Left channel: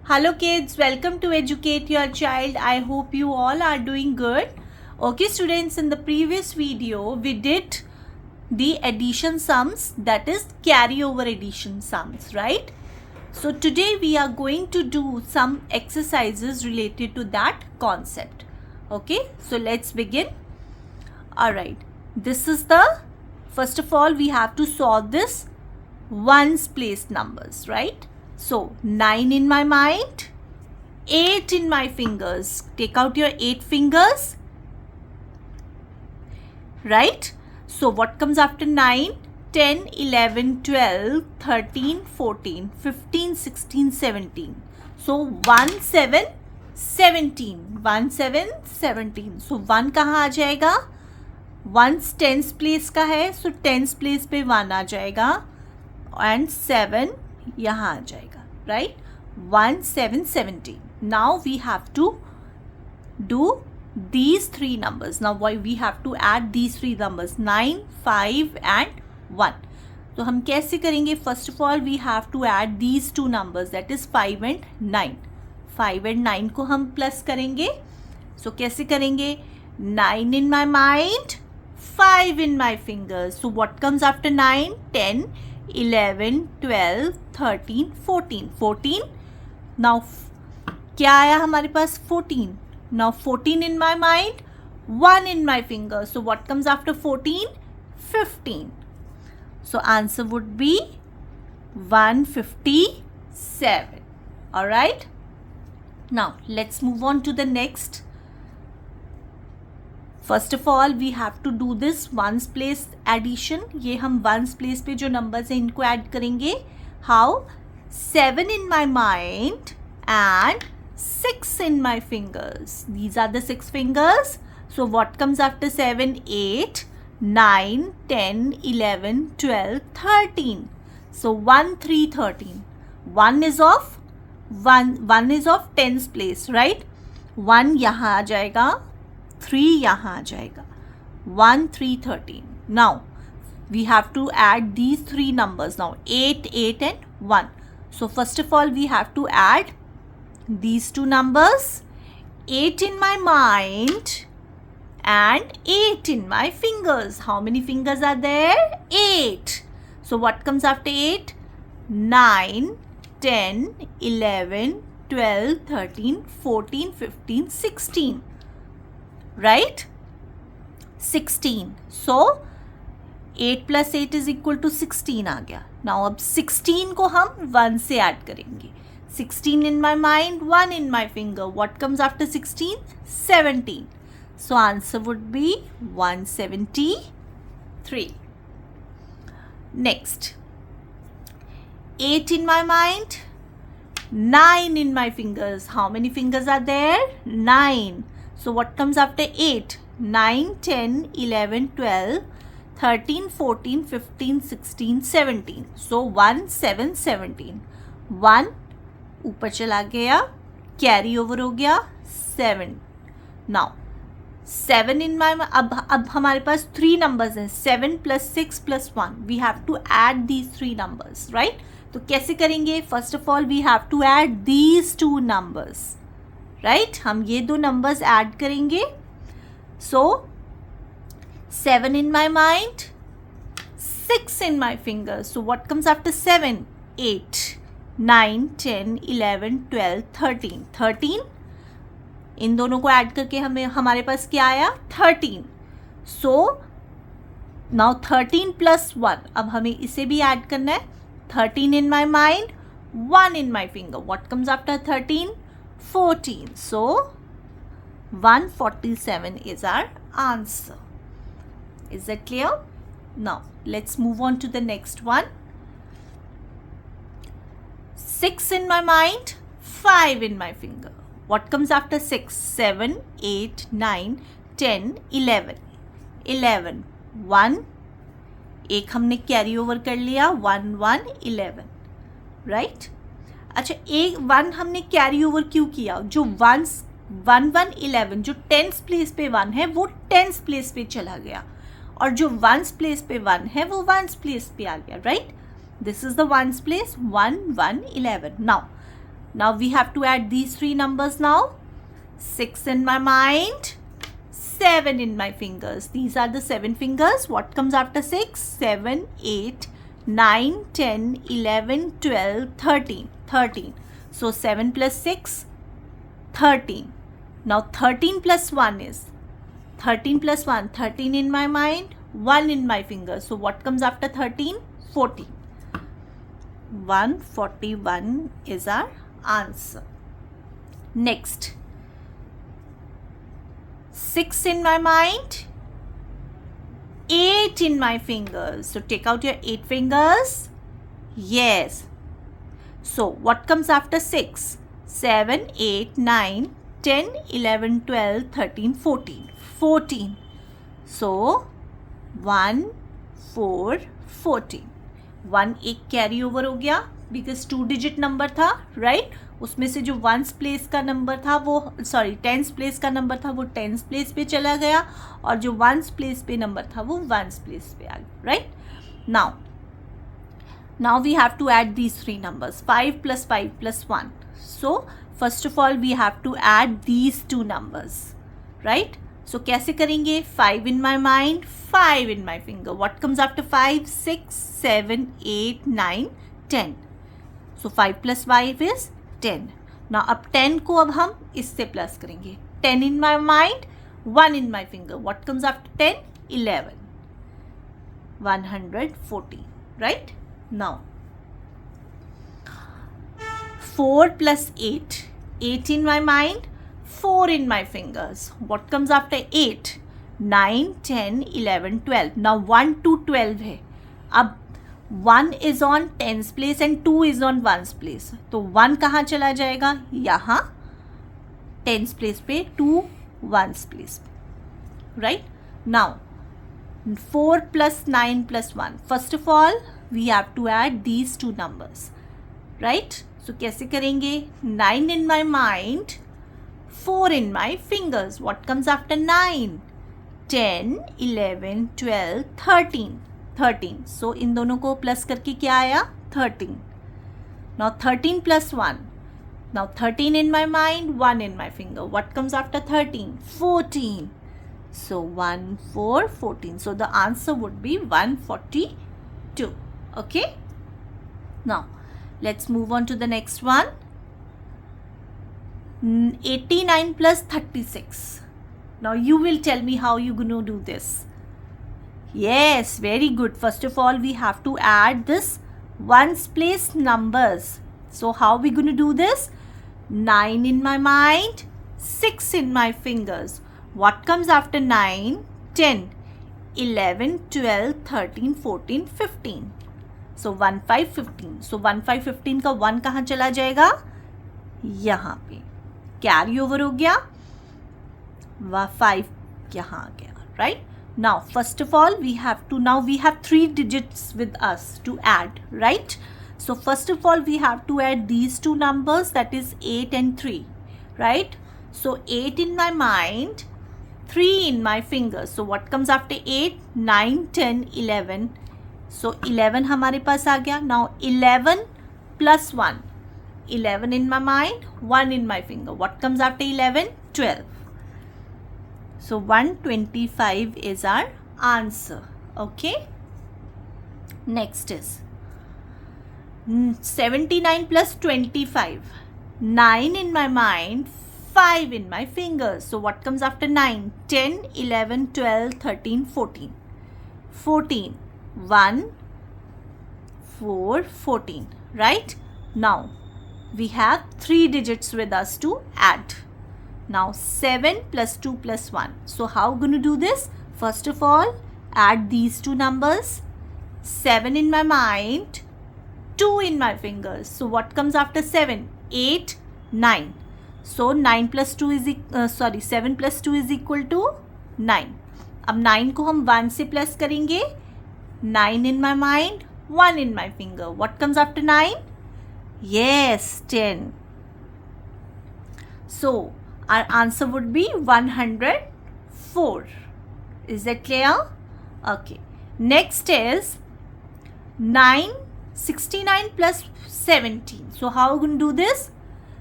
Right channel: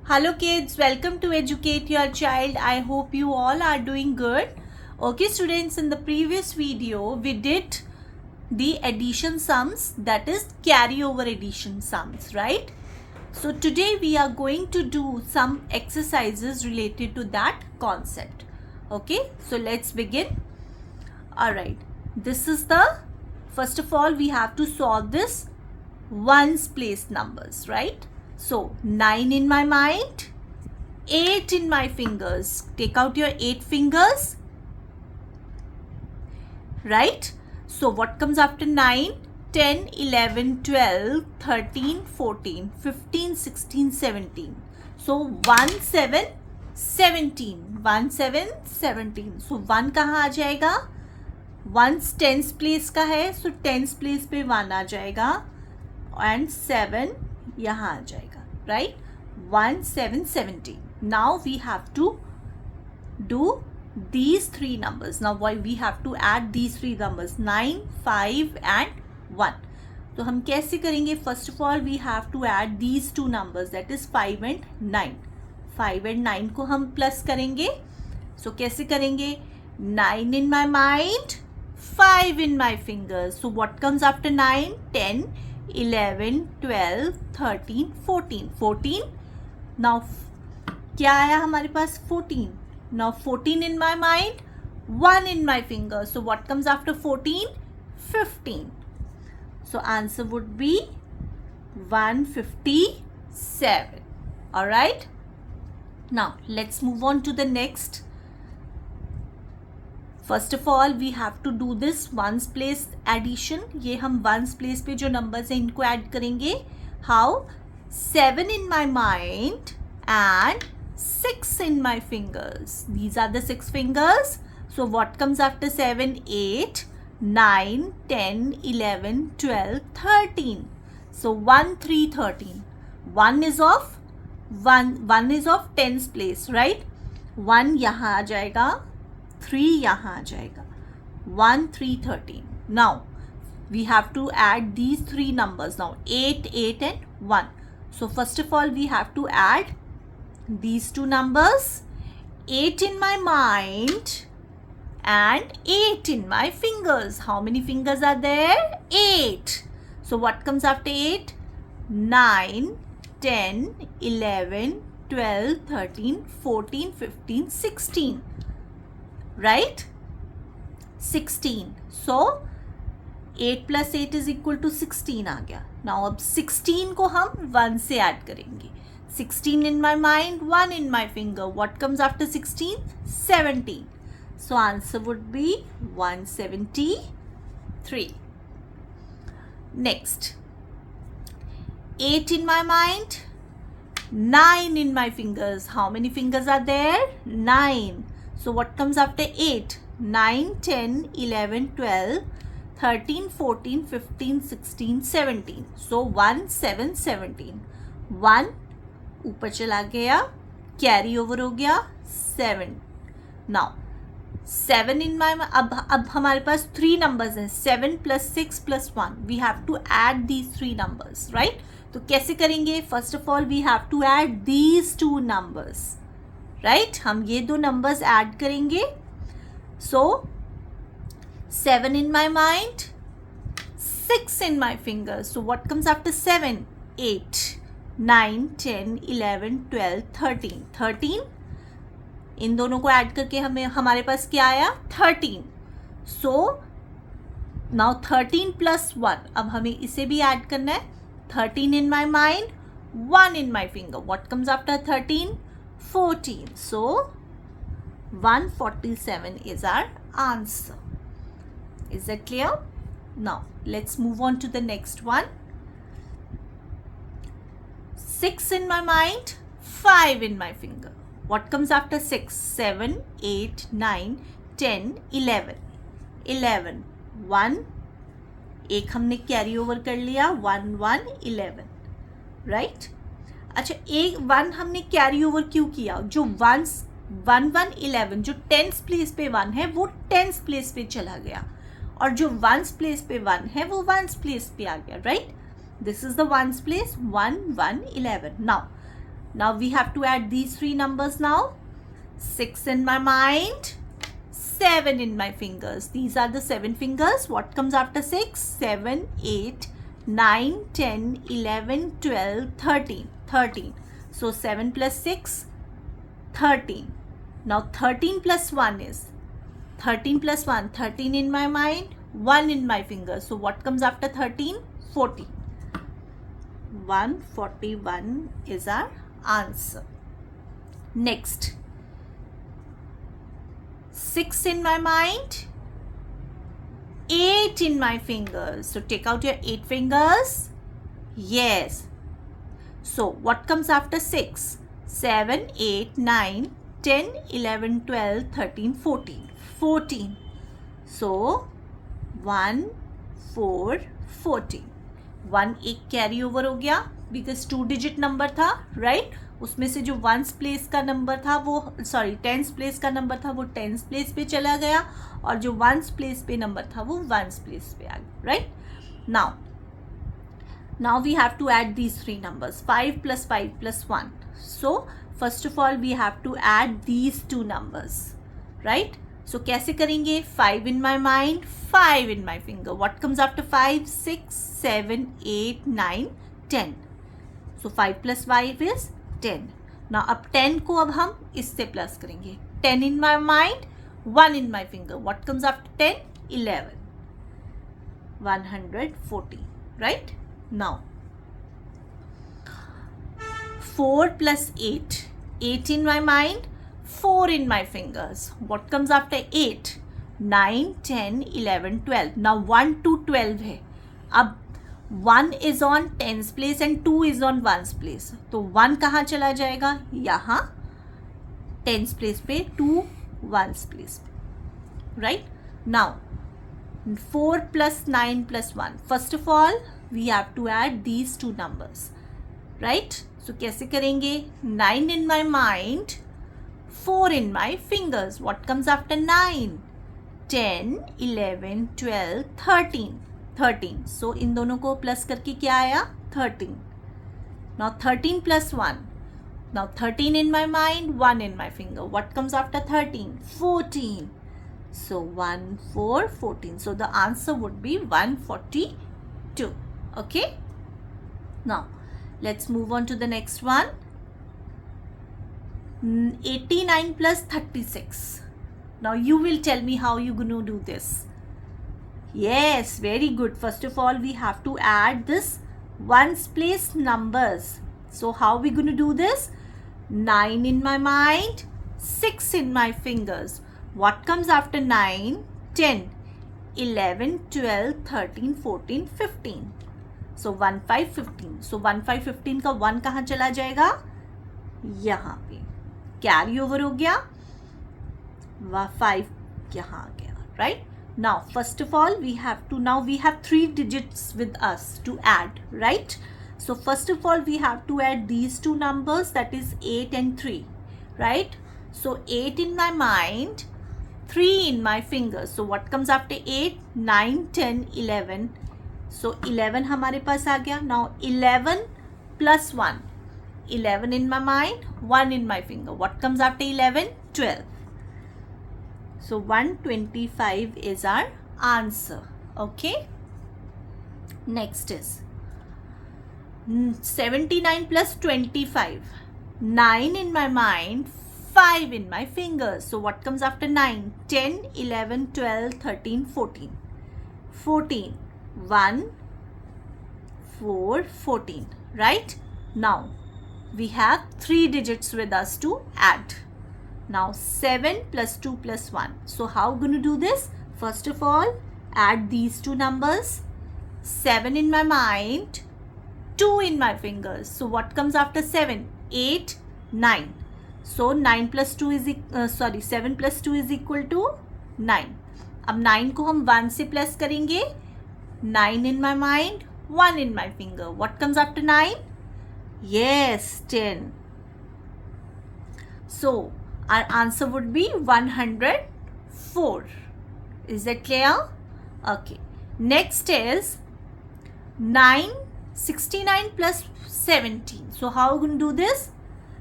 Hello kids, welcome to Educate Your Child. I hope you all are doing good. Okay students, in the previous video we did the addition sums, that is carryover addition sums, right? So today we are going to do some exercises related to that concept. Okay, so let's begin. Alright, this is the, first of all we have to solve this ones place numbers, right? So 9 in my mind, 8 in my fingers. Take out your 8 fingers, right? So what comes after 9? 10, 11, 12, 13, 14, 15, 16, 17. So 1, 7, 17. 1, 7, 17. So 1 कहाँ आ जाएगा? 1 tens place का है, सो tens place पे 1 आ जाएगा and 7 यहाँ आ जाएगा, right? 1, 7, 17. Now we have to do these three numbers. Now why we have to add these three numbers, 9, 5 and 1. तो हम कैसे करेंगे? First of all we have to add these two numbers, that is 5 and 9. 5 and 9 को हम plus करेंगे. So कैसे करेंगे? 9 in my mind, 5 in my fingers. So what comes after 9? 10, 11, 12, 13, 14. 14. Now क्या आया हमारे पास? 14. Now 14 in my mind, 1 in my finger. So what comes after 14? 15. So answer would be 157. Alright. Now let's move on to the next. First of all we have to do this ones place addition. ये हम ones place पे जो numbers हैं इनको add करेंगे. How? 7 in my mind and 6 in my fingers. These are the 6 fingers. So what comes after 7? 8, 9, 10, 11, 12, 13. So 1, 3, 13. 1 is of 1 is of tens place, right? 1 यहाँ आ जाएगा, 3 यहाँ आ जाएगा. 1, 3, 13. Now we have to add these three numbers now, 8, 8 and 1. So first of all we have to add these two numbers, 8 in my mind and 8 in my fingers. How many fingers are there? 8. So what comes after 8? 9, 10, 11, 12, 13, 14, 15, 16. Right? 16. So 8 plus 8 is equal to 16 आ गया. Now अब 16 को हम 1 से add करेंगे. 16 in my mind, 1 in my finger. What comes after 16? 17. So answer would be 173. Next, 8 in my mind, 9 in my fingers. How many fingers are there? 9. So what comes after 8? 9, 10, 11, 12, 13, 14, 15, 16, 17. So 1, 7, 17. 1 ऊपर चला गया, carry over हो गया 7. Now 7 इन माई, अब हमारे पास 3 numbers हैं, 7 + 6 + 1. We have to add these 3 numbers, right? तो कैसे करेंगे? First of all we have to add these 2 numbers, right? हम ये 2 नंबर्स ऐड करेंगे. सो 7 in my mind, 6 in my fingers. So what comes after 7? 8, 9, 10, 11, 12, 13. 13. इन दोनों को ऐड करके हमें हमारे पास क्या आया? 13. So now 13 + 1. अब हमें इसे भी ऐड करना है. 13 in my mind, 1 in my finger. What comes after 13? 14. So 147 is our answer. Is that clear? Now let's move on to the next one. 6 in my mind, 5 in my finger. What comes after 6? 7, 8, 9, 10, 11. 11. 1. एक हमने carry over कर लिया. 1, 1, 11. Right? अच्छा, एक 1 हमने carry over क्यों किया? जो 1, 1, 11 जो टेंस प्लेस पे 1 है वो टेंस प्लेस पे चला गया, और जो वंस प्लेस पे 1 है वो वंस प्लेस पे आ गया, right? This is the ones place, 1, 1, 11. Now Now we have to add these three numbers now. 6 in my mind, 7 in my fingers. These are the 7 fingers. What comes after 6? 7, 8, 9, 10, 11, 12, 13. 13. So 7 plus 6, 13. Now 13 plus 1 is 13 plus 1, 13 in my mind, 1 in my fingers. So what comes after 13? 14. 141 is our answer. Next, 6 in my mind, 8 in my fingers. So take out your 8 fingers. Yes. So what comes after 6? 7, 8, 9, 10, 11, 12, 13, 14. 14. So 1, 4, 14. 1 एक carry over हो गया because 2 digit number था, right? उसमें से जो 1s place का number था वो 10s प्लेस का नंबर था वो 10s प्लेस पे चला गया, और जो 1s प्लेस पे नंबर था वो 1s प्लेस पे आ गया, right? Now we have to add these three numbers, 5 plus 5 plus 1. So first of all we have to add these two numbers, right? So कैसे करेंगे? 5 in my mind, 5 in my finger. What comes after 5? 6, 7, 8, 9, 10. So 5 plus 5 is 10. Now अब 10 को अब हम इससे plus करेंगे. 10 in my mind, 1 in my finger. What comes after 10? 11. 140, right? Now 4 plus 8. 8 in my mind, 4 in my fingers. What comes after 8? 9, 10, 11, 12. Now 1 to 12 है. अब 1 is on 10s place and 2 is on 1s place. तो 1 कहाँ चला जाएगा? यहाँ 10s place पे, 2 1s place पे. Right? Now 4 plus 9 plus 1. First of all, we have to add these two numbers. Right? So कैसे करेंगे? 9 in my mind, 4 in my fingers. What comes after 9? 10, 11, 12, 13. 13. So इन दोनों को प्लस करके क्या आया? 13. Now 13 plus 1. Now 13 in my mind, 1 in my finger. What comes after 13? 14. So 1, 4, 14. So the answer would be 142. Okay? Now let's move on to the next one. 89 plus 36. Now you will tell me how you're going to do this. Yes, very good. First of all, we have to add this ones place numbers. So how we going to do this? 9 in my mind, 6 in my fingers. What comes after 9? 10, 11, 12, 13, 14, 15. So 1, 5, 15. So 1, 5, 15 का 1 कहाँ चला जाएगा? यहाँ पे carry over हो गया, 5 यहाँ आ गया, right? Now first of all we have 3 digits with us to add, right? So first of all we have to add these two numbers, that is 8 and 3, right? So 8 in my mind, 3 in my fingers. So what comes after 8? 9, 10, 11. So 11 हमारे पास आ गया. Now 11 plus 1. 11 in my mind, 1 in my finger. What comes after 11? 12. So 125 is our answer. Okay. Next is 79 plus 25. 9 in my mind, 5 in my fingers. So what comes after 9? 10, 11, 12, 13, 14. 14. 1, 4, 14. Right? Now we have 3 digits with us to add. Now 7 plus 2 plus 1. So how going to do this? First of all, add these two numbers. 7 in my mind, 2 in my fingers. So what comes after 7? 8, 9. So 7 plus 2 is equal to 9. अब 9 को हम 1 से plus करेंगे. 9 in my mind, 1 in my finger. What comes after 9? Yes, 10. So our answer would be 104. Is that clear? Okay. Next is 69 plus 17. So how are we going to do this?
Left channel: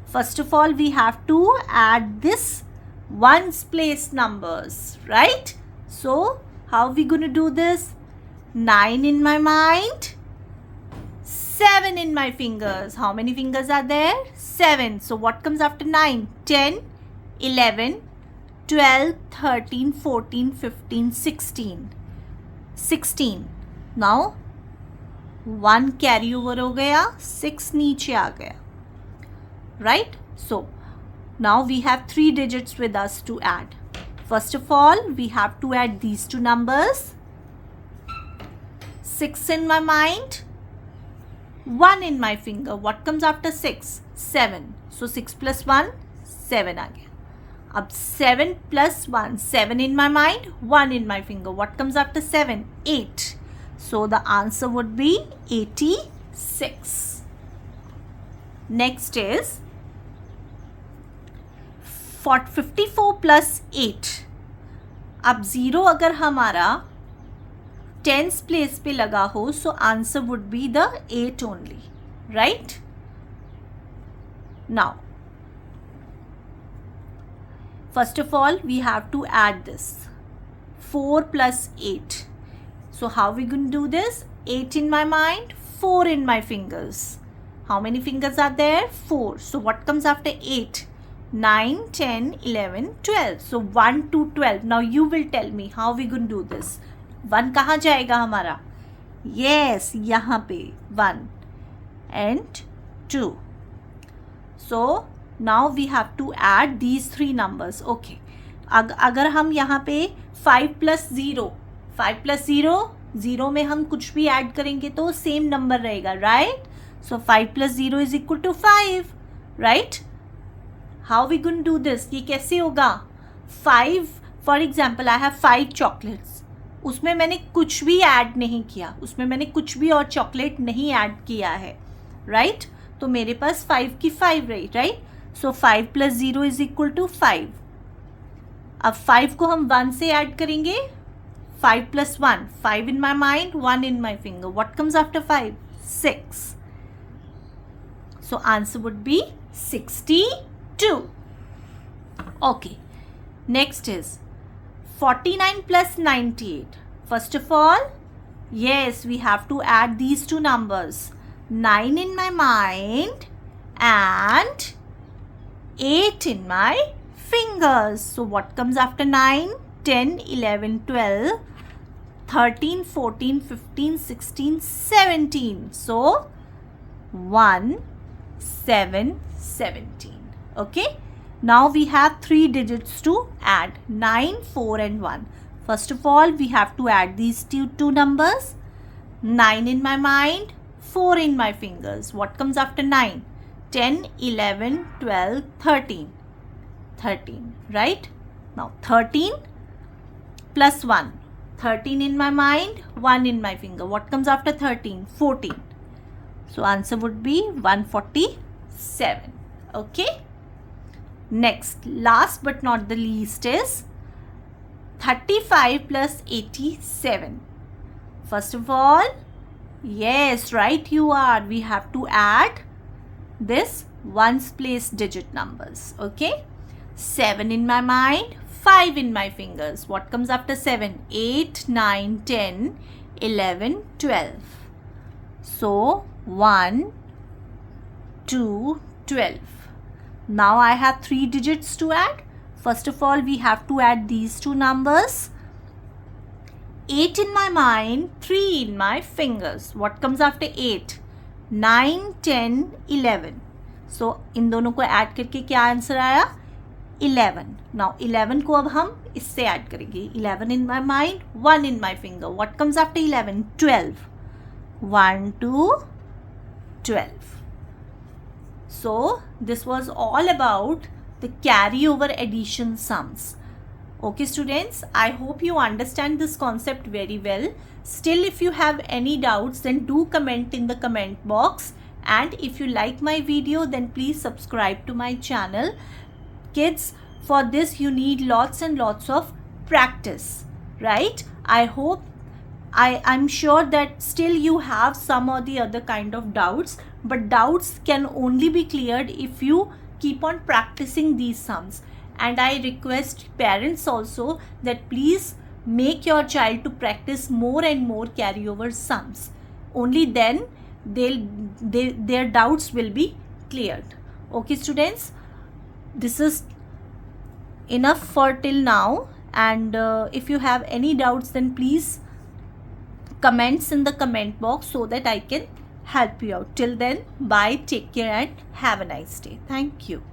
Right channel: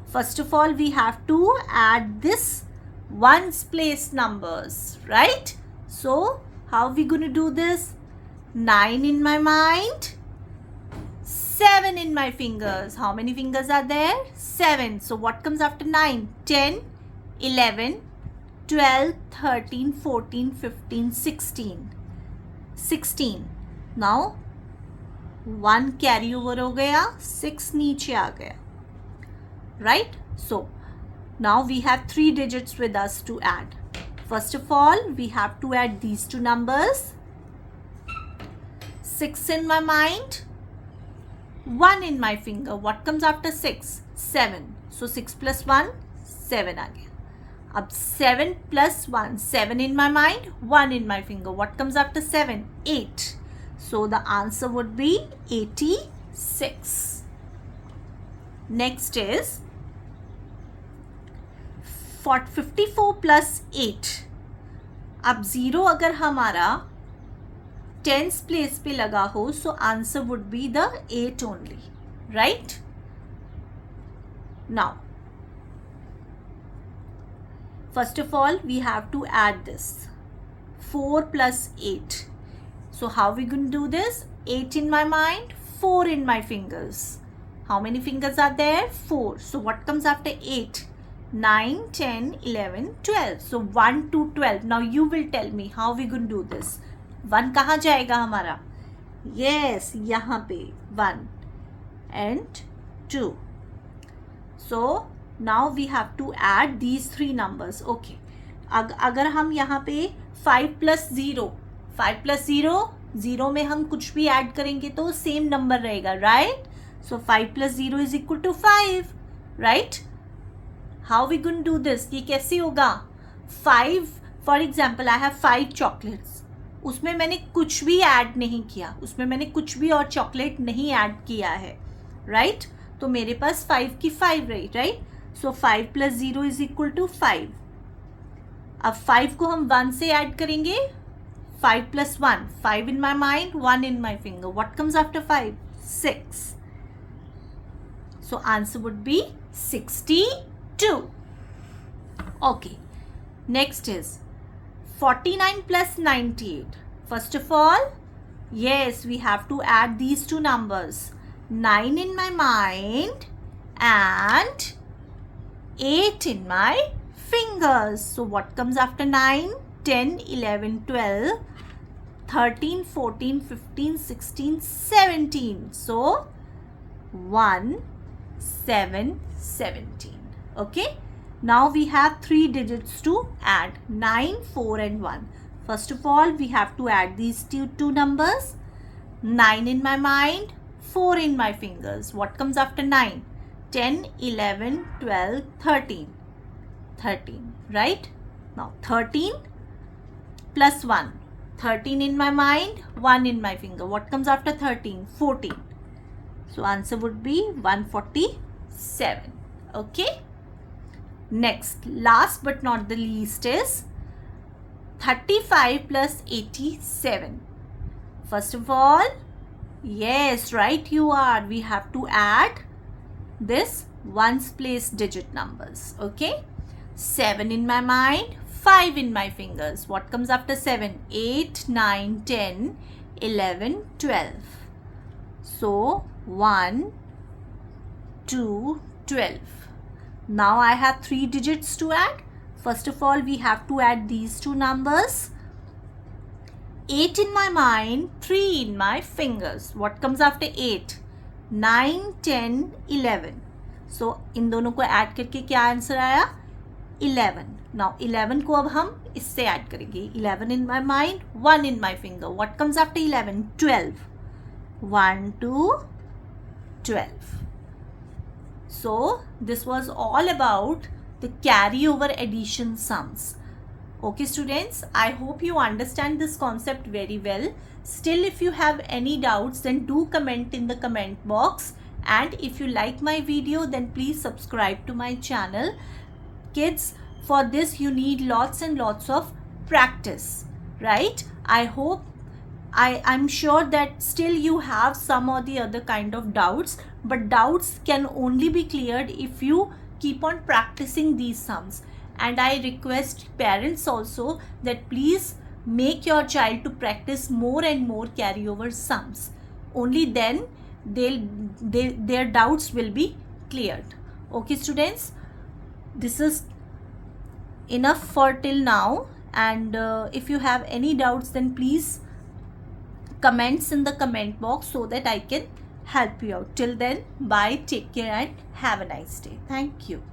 First of all, we have to add this ones place numbers, right? So how are we going to do this? 9 in my mind, 7 in my fingers. How many fingers are there? 7. So what comes after 9? 10, 11, 12, 13, 14, 15, 16. 16. Now 1 carry over हो गया, 6 नीचे आ गया, right? So now we have 3 digits with us to add. First of all, we have to add these two numbers. 6 in my mind, 1 in my finger. What comes after 6? 7. So 6 plus 1, 7 आ गया. अब 7 plus 1, 7 in my mind, 1 in my finger. What comes after 7? 8. So the answer would be 86. Next is 54 plus 8. अब 0 अगर हमारा tens place पे लगा हो, so answer would be the 8 only, right? Now, first of all, we have to add this 4 plus 8. So how are we going to do this? 8 in my mind, 4 in my fingers. How many fingers are there? 4. So what comes after 8? 9, 10, 11, 12. So 1 to 12. Now you will tell me how we going to do this. 1 कहाँ जाएगा हमारा? Yes, यहाँ पे 1 and 2. So now we have to add these 3 numbers. Okay. अगर हम यहाँ पे 5 plus 0, 5 plus 0, 0 में हम कुछ भी ऐड करेंगे तो सेम नंबर रहेगा, right? So 5 plus 0 is equal to 5, right? How we going to do this? ये कैसे होगा? 5, for example, I have 5 chocolates. उसमें मैंने कुछ भी ऐड नहीं किया, उसमें मैंने कुछ भी और चॉकलेट नहीं ऐड किया है, right? तो मेरे पास 5 की 5 रही, right? So 5 plus 0 is equal to 5. अब 5 को हम 1 से ऐड करेंगे. 5 plus 1, 5 in my mind, 1 in my finger. What comes after 5? 6. So answer would be 62. Okay. Next is 49 plus 98. First of all, yes, we have to add these two numbers. 9 in my mind and 8 in my fingers. So what comes after 9? 10, 11, 12, 13, 14, 15, 16, 17. So 1, 7, 17. Okay. Now we have 3 digits to add. 9, 4 and 1. First of all, we have to add these two numbers. 9 in my mind, 4 in my fingers. What comes after 9? 10, 11, 12, 13. 13, right? Now 13 plus 1. 13 in my mind, 1 in my finger. What comes after 13? 14. So answer would be 147. Okay. Next, last but not the least is 35 plus 87. First of all, yes, right you are. We have to add this ones place digit numbers. Okay. 7 in my mind, 5 in my fingers. What comes after 7? 8, 9, 10, 11, 12. So 1, 2, 12. Now I have 3 digits to add. First of all, we have to add these two numbers. 8 in my mind, 3 in my fingers. What comes after 8? 9, 10, 11. So इन दोनों को add करके क्या answer आया? 11. Now 11 को अब हम इससे add करेंगे. 11 in my mind, 1 in my finger. What comes after 11? 12. 1, 2, 12. So this was all about the carryover addition sums. Okay students, I hope you understand this concept very well. Still, if you have any doubts, then do comment in the comment box. And if you like my video, then please subscribe to my channel. Kids, for this you need lots and lots of practice, right? I'm sure that still you have some or the other kind of doubts, but doubts can only be cleared if you keep on practicing these sums. And I request parents also that please make your child to practice more and more carryover sums. Only then their doubts will be cleared. Okay students, this is enough for till now, and if you have any doubts then please comments in the comment box so that I can help you out. Till then, bye, take care and have a nice day. Thank you.